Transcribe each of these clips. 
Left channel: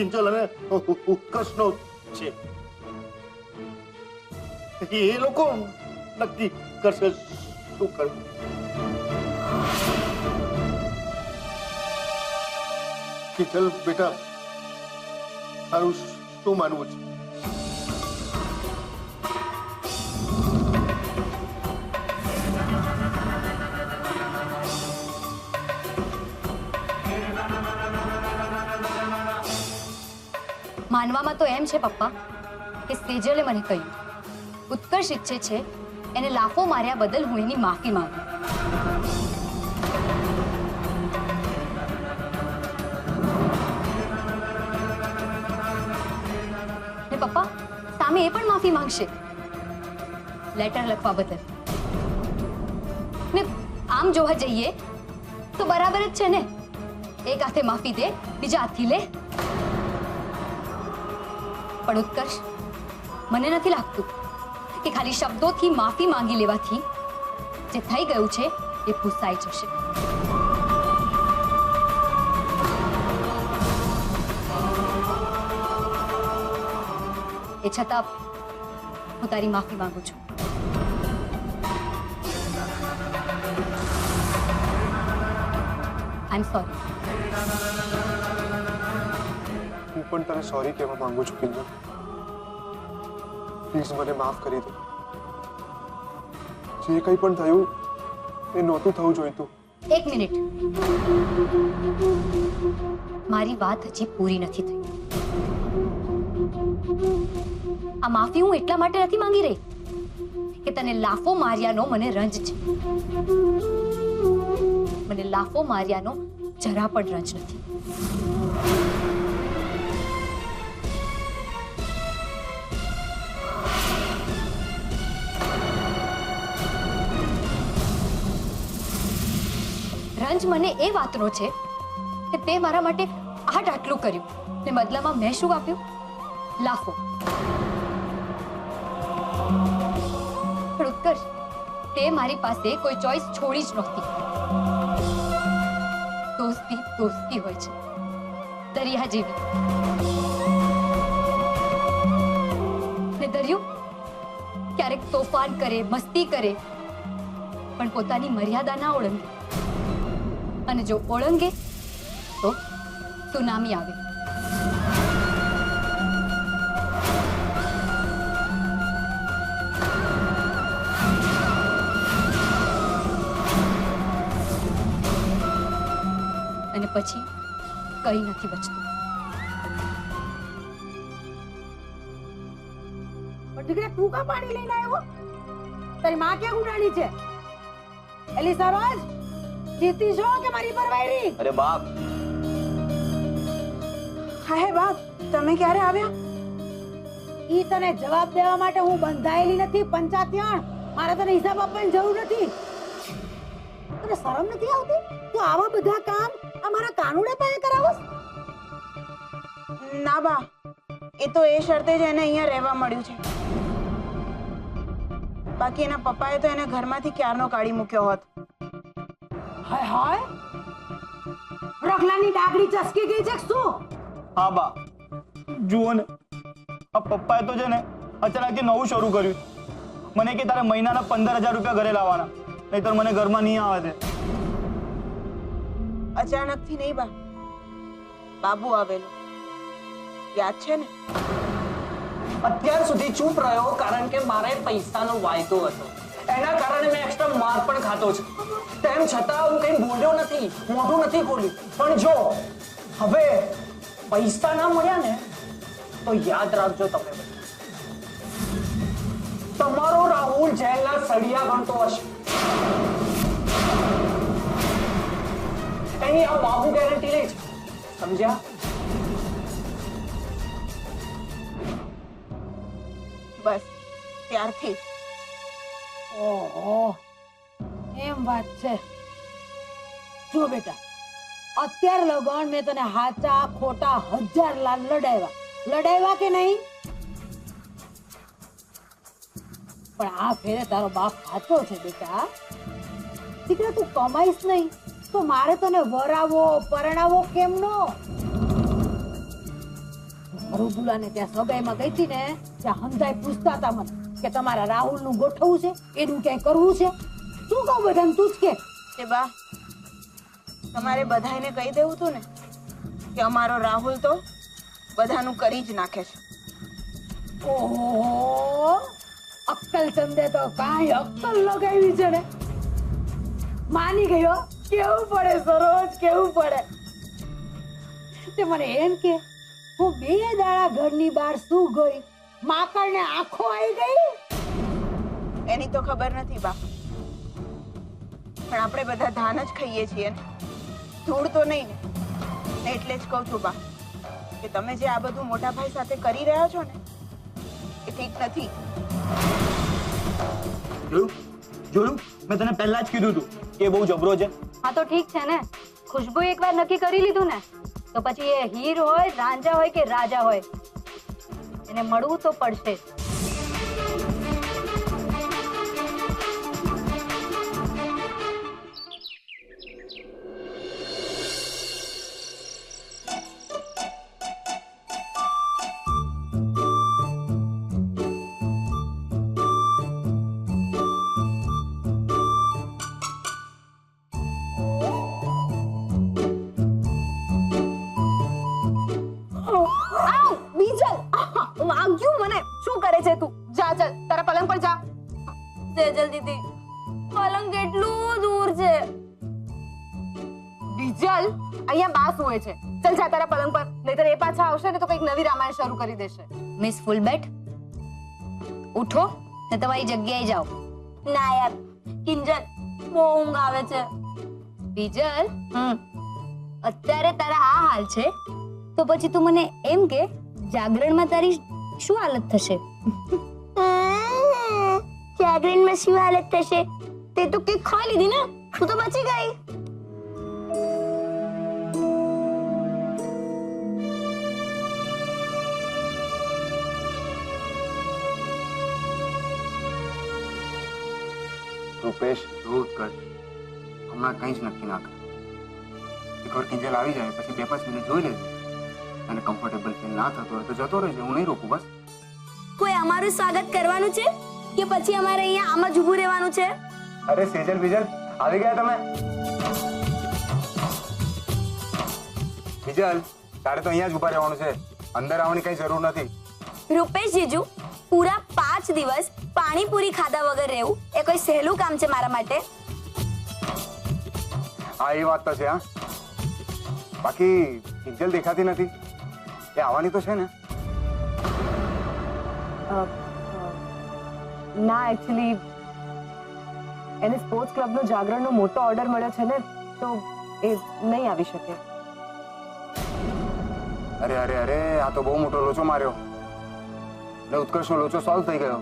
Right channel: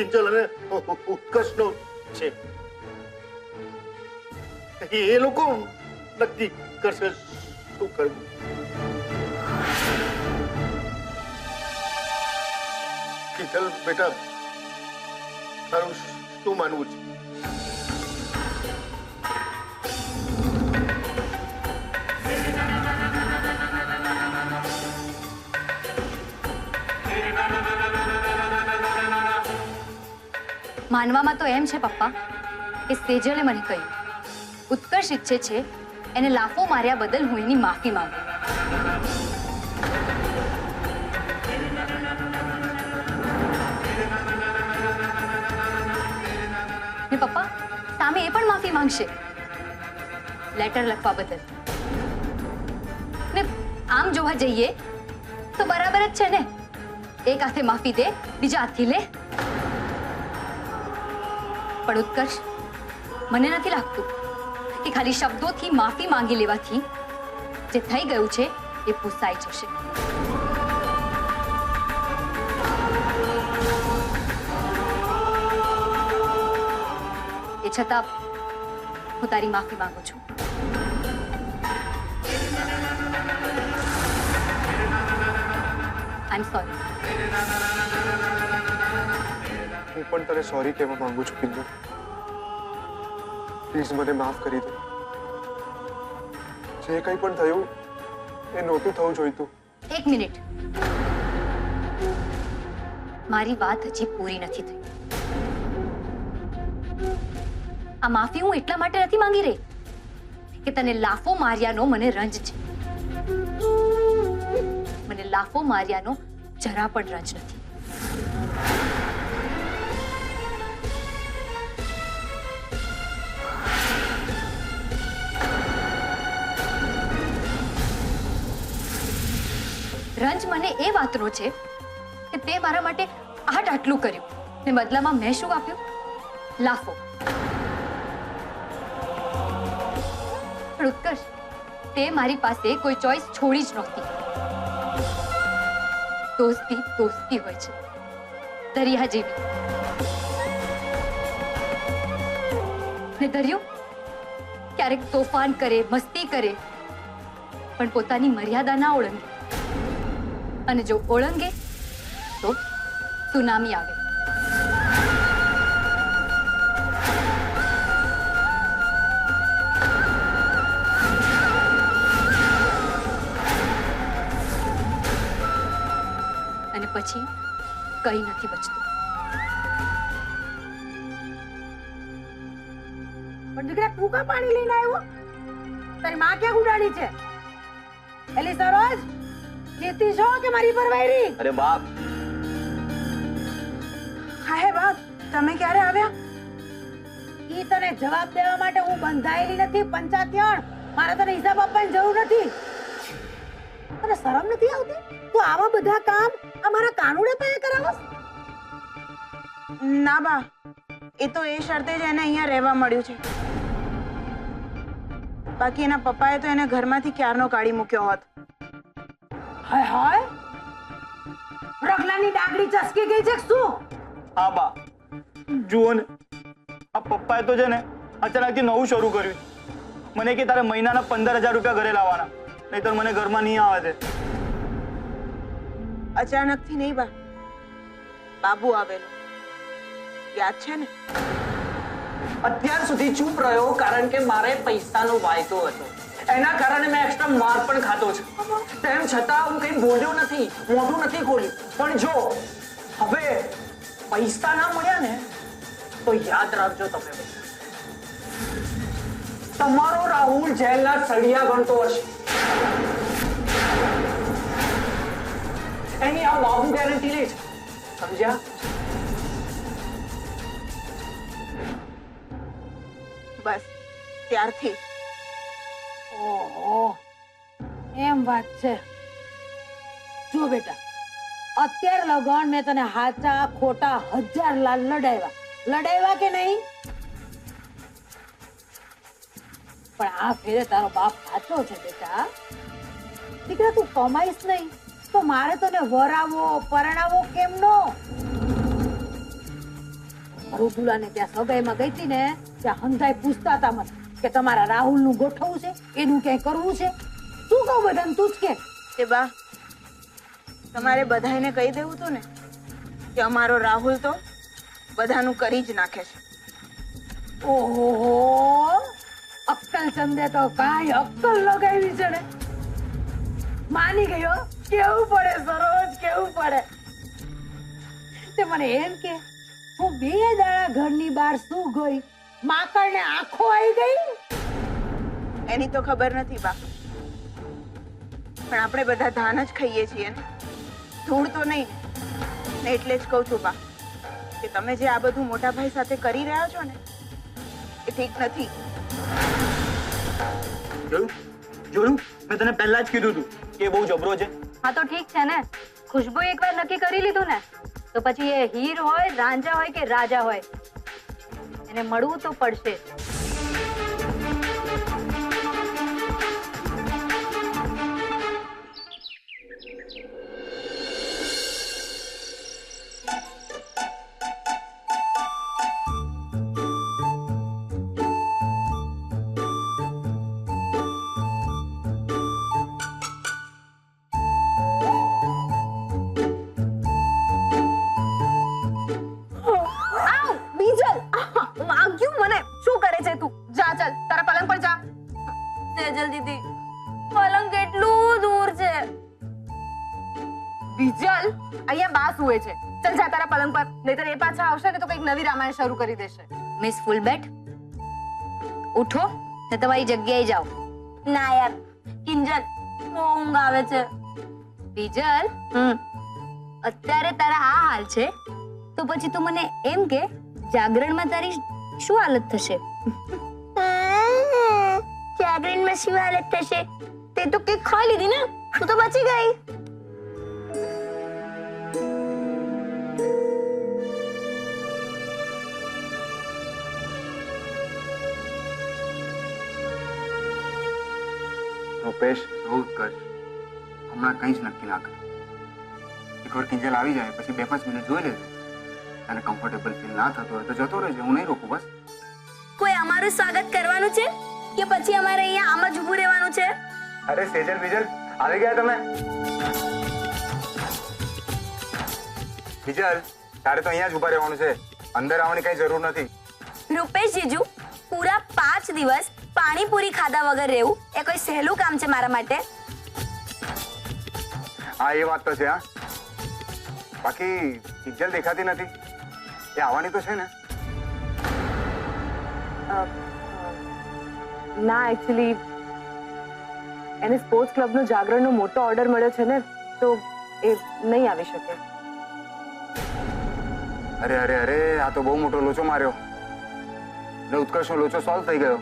કિંજલ અને ઉત્કર્ષનો છે. એ લોકો નક્કી કરશે શું કરવું. કિંજલ બેટા, તારું શું માનવું છે? માનવામાં તો એમ છે પપ્પા કે સેજલે મને કહ્યું ઉત્કર્ષ ઈચ્છે છે એને લાફો માર્યા બદલ હું એની માફી માંગુ. ને પપ્પા સામે એ પણ માફી માંગશે લેટર લખવા બદલ. ને આમ જોવા જઈએ તો બરાબર જ છે ને, એક હાથે માફી દે બીજા હાથથી લે. પણ ઉત્કર્ષ, મને નથી લાગતું કે ખાલી શબ્દોથી માફી માંગી લેવાથી જે થઈ ગયું છે એ ભૂસાઈ જશે. એ છતાં હું તારી માફી માંગુ છું. આઈ એમ સોરી. હું પણ તને સોરી કહેવા માંગુ છું કિંજલ. પ્લીઝ મને માફ કરી દે. જે કંઈ પણ થયું એ નહોતું થવું જોઈતું. એક મિનિટ, મારી વાત હજી પૂરી નથી થઈ. આ માફી હું એટલા માટે નથી માંગી રહી કે તને લાફો માર્યાનો મને રંજ છે. મને લાફો માર્યાનો જરા પણ રંજ નથી. રંજ મને એ વાતનો છે કે તે મારા માટે આટલું કર્યું ને બદલામાં મેં શું આપ્યું? લાફો. પણ ઉત્કર્ષ, તે મારી પાસે કોઈ ચોઈસ છોડી જ નહોતી. દોસ્તી દોસ્તી હોય છે, દરિયા જેવી. ને દરિયો ક્યારેક તોફાન કરે, મસ્તી કરે, પણ પોતાની મર્યાદા ના ઓળંગે. અને જો ઓળંગે તો સુનામી આવે. અને પછી કઈ નથી બચતું. પણ દીકરા, તું કા પાણી લઈને આવ્યો? તારી માં ક્યાં ઉડાડી છે? એલી સરોજ, જીતી છો કે મારી પર વાયરી? અરે બાપ. હા હે બાપ, તમે ક્યારે આવ્યા? ઈ તને જવાબ દેવા માટે હું બંધાયેલી નથી પંચાત્યણ. મારે તને હિસાબ આપવાની જરૂર નથી. તને શરમ નથી આવતી? તું આવા બધા કામ અમારા કાનુડે પાસે કરાવસ? ના બા, એ તો એ શરતે જ એને અહીંયા રહેવા મળ્યું છે. બાકી એના પપ્પાએ તો એને ઘરમાંથી ક્યારનો કાઢી મૂક્યો હોત. હાય હાય, રગલાની ડાગડી ચસકી ગઈ છે શું? હા બા, જુઓ ને, આ પપ્પાએ તો છે ને અચાનકથી નવું શરૂ કર્યું. મને કે તારે મહિનાના 15,000 રૂપિયા ઘરે લાવવાના, નહીતર મને ઘરમાં નહીં આવે છે. અચાનકથી નહીં બા, બાબુ આવેલો, યાદ છે ને? અત્યાર સુધી ચૂપ રહ્યો કારણ કે મારે પૈસાનો વાયદો હતો. એના કારણે મેં એક્સ્ટ્રા માર પણ ખાતો છે. તેમ છતાં હું કંઈ બોલ્યો નથી, મોઢું નથી ખોલ્યું. પણ જો હવે પૈસા ના મળ્યા ને તો યાદ રાખજો તમે બધા, તમારો રાહુલ જેલના સળિયા ગણતો હશે. એની આ બાબુ ગેરંટી લે છે, સમજ્યા? બસ ત્યારથી. ઓહો, એમ વાત છે. જો બેટા, અત્યાર લગન મેં તને હાચા ખોટા 1000 લાલ લડાવ્યા કે નહીં? પણ આ ફેરે તારો બાપ સાચો છે બેટા. દીકરા, તું કમાઈશ નહીં તો મારે તને વરાવો પરણાવો કેમનો? મૃદુલાને ત્યાં સગાઈમાં ગઈ હતી ને ત્યાં હંધાઈ પૂછતા હતા મને કે તમારા રાહુલનું ગોઠવવું છે, એનું ક્યાંય કરવું છે. શું કહું બધાને, તું જ કે. તે બા તમારે બધાને કહી દેવું હતું ને કે અમારો રાહુલ તો બધાનું કરી જ નાખે છે. ઓહો, અક્કલ ચંદે તો કાંઈ અક્કલ લગાવી છે ને. માની ગયો. કેવું પડે સરોજ, કેવું પડે. તે મને એમ કે હું 2 દાડા ઘરની બહાર શું ગઈ, માકડને આંખો આવી ગઈ. એની તો ખબર નથી બા, પણ આપણે બધા ધાન જ ખાઈએ છીએ ને, ધૂળ તો નહીં ને. એટલે જ કહું છું બા કે તમે જે આ બધું મોટા ભાઈ સાથે કરી રહ્યા છો ને એ ઠીક નથી. જોયું મેં તને પહેલા જ કીધું હતું કે એ બહુ જબરો છે. હા તો ઠીક છે ને, ખુશ્બુ એકવાર નક્કી કરી લીધું ને તો પછી એ હીર હોય, રાંઝા હોય કે રાજા હોય, એને મળવું તો પડશે. પલંગ કેટલું દૂર છે. બીજલ, અહીંયા બા સુવે છે. ચલ જા તારા પલંગ પર, નહીતર એ પાછા આવશે ને તો કંઈક નવી રામાયણ શરૂ કરી દેશે. મિસ ફૂલબેટ, ઉઠો ને તમારી જગ્યાએ જાઓ. ના યાર કિંજલ, બહુ ઊંઘ આવે છે. બીજલ, અત્યારે તારા આ હાલ છે તો પછી તું મને એમ કે જાગરણમાં તારી શું હાલત થશે? જાગરણમાં શું હાલત થશે? તે તો કેક ખાઈ લીધી ને, તું તો બચી ગઈ. રૂપેશ, જોવું જ કરશે. હમણાં કંઈ જ નક્કી ના કર. એકવાર કિંજલ આવી જાય પછી 2-5 મિનિટ જોઈ લેજે. અને કમ્ફર્ટેબલ ફીલ ના થતું હોય તો જતો રહેજે, હું નહીં રોકું બસ. કોઈ અમારું સ્વાગત કરવાનું છે કે પછી અમારે અહીંયા આમાં જ ઊભું રહેવાનું છે? અરે સેજલ બીજલ, આવી ગયા તમે? બીજલ, તારે તો અહીંયા જ ઊભા રહેવાનું છે, અંદર આવવાની કઈ જરૂર નથી. રૂપેશ જીજુ, પૂરા 5 દિવસ પાણીપુરી ખાધા વગર રહેવું એ કોઈ સહેલું કામ છે મારા માટે? હા, એ વાત તો છે. હા, બાકી કિંજલ દેખાતી નથી, એ આવવાની તો છે ને? ના, એકચ્યુઅલી એને સ્પોર્ટ્સ ક્લબનો જાગરણનો મોટો ઓર્ડર મળ્યો છે ને, તો એ નહીં આવી શકે. અરે અરે અરે, આ તો બહુ મોટો લોચો માર્યો ને ઉત્કર્ષનો લોચો સોલ્વ થઈ ગયો.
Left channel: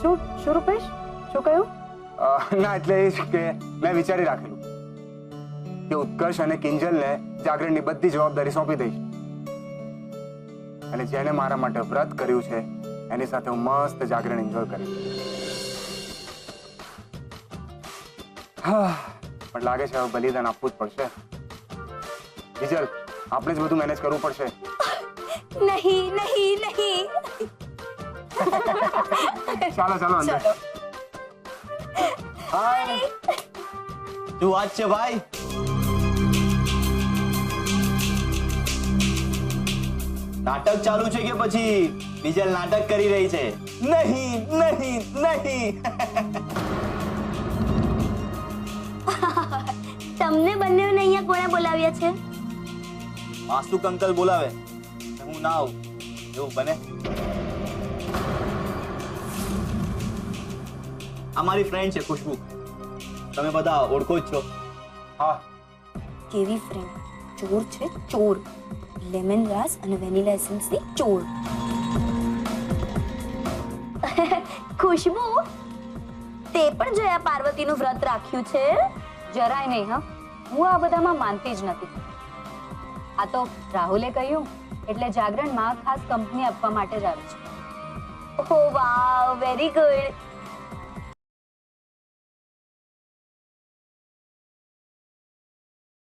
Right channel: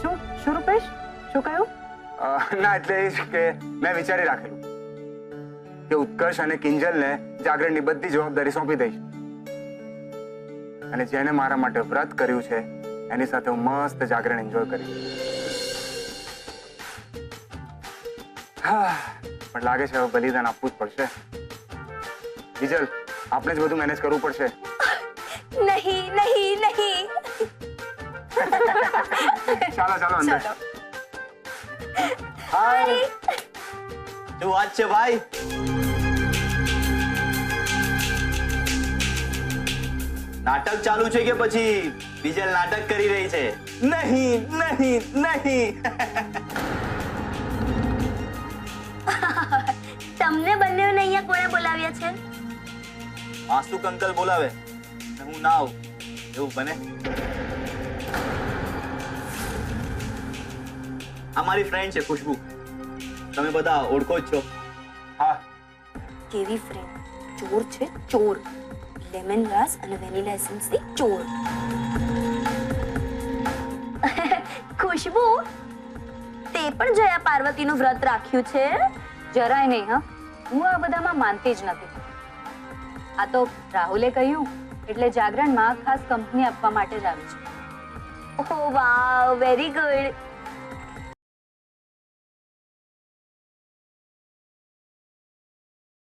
શું શું રૂપેશ, શું કહ્યું? ના, એટલે એ જ કે મેં વિચારી રાખેલું કે ઉત્કર્ષ અને કિંજલને જાગરણની બધી જવાબદારી સોંપી દઈશ, અને જેને મારા માટે વ્રત કર્યું છે એની સાથે હું મસ્ત જાગરણ એન્જોય કરીશ. હા, પણ લાગે છે હવે બલિદાન આપવું જ પડશે. બીજલ, આપણે જ બધું મેનેજ કરવું પડશે. નહીં નહીં નહીં. ચાલો ચાલો અંદર. હાય, શું વાત છે ભાઈ? નાટક ચાલુ છે કે પછી બીજલ નાટક કરી રહી છે? નહીં નહીં નહીં. તમને બંનેને અહીંયા કોણે બોલાવ્યા છે? માસુક અંકલ બોલાવે હું ના આવું એવું બને? આ મારી ફ્રેન્ડ છે ખુશ્બુ, તમે બધા ઓળખો જ છો. હા, કેવી ફ્રેન્ડ? ચોર છે ચોર. લેમન ગ્રાસ અને વેનીલા એસેન્સ ની ચોર. ખુશ્બુ, તે પણ જયા પાર્વતીનું વ્રત રાખ્યું છે? જરાય નહીં. હા, હું આ બધામાં માનતી જ નથી. આ તો રાહુલે કહ્યું એટલે જાગરણમાં ખાસ કંપની આપવા માટે જ આવી છે. ઓહ વાવ, વેરી ગુડ.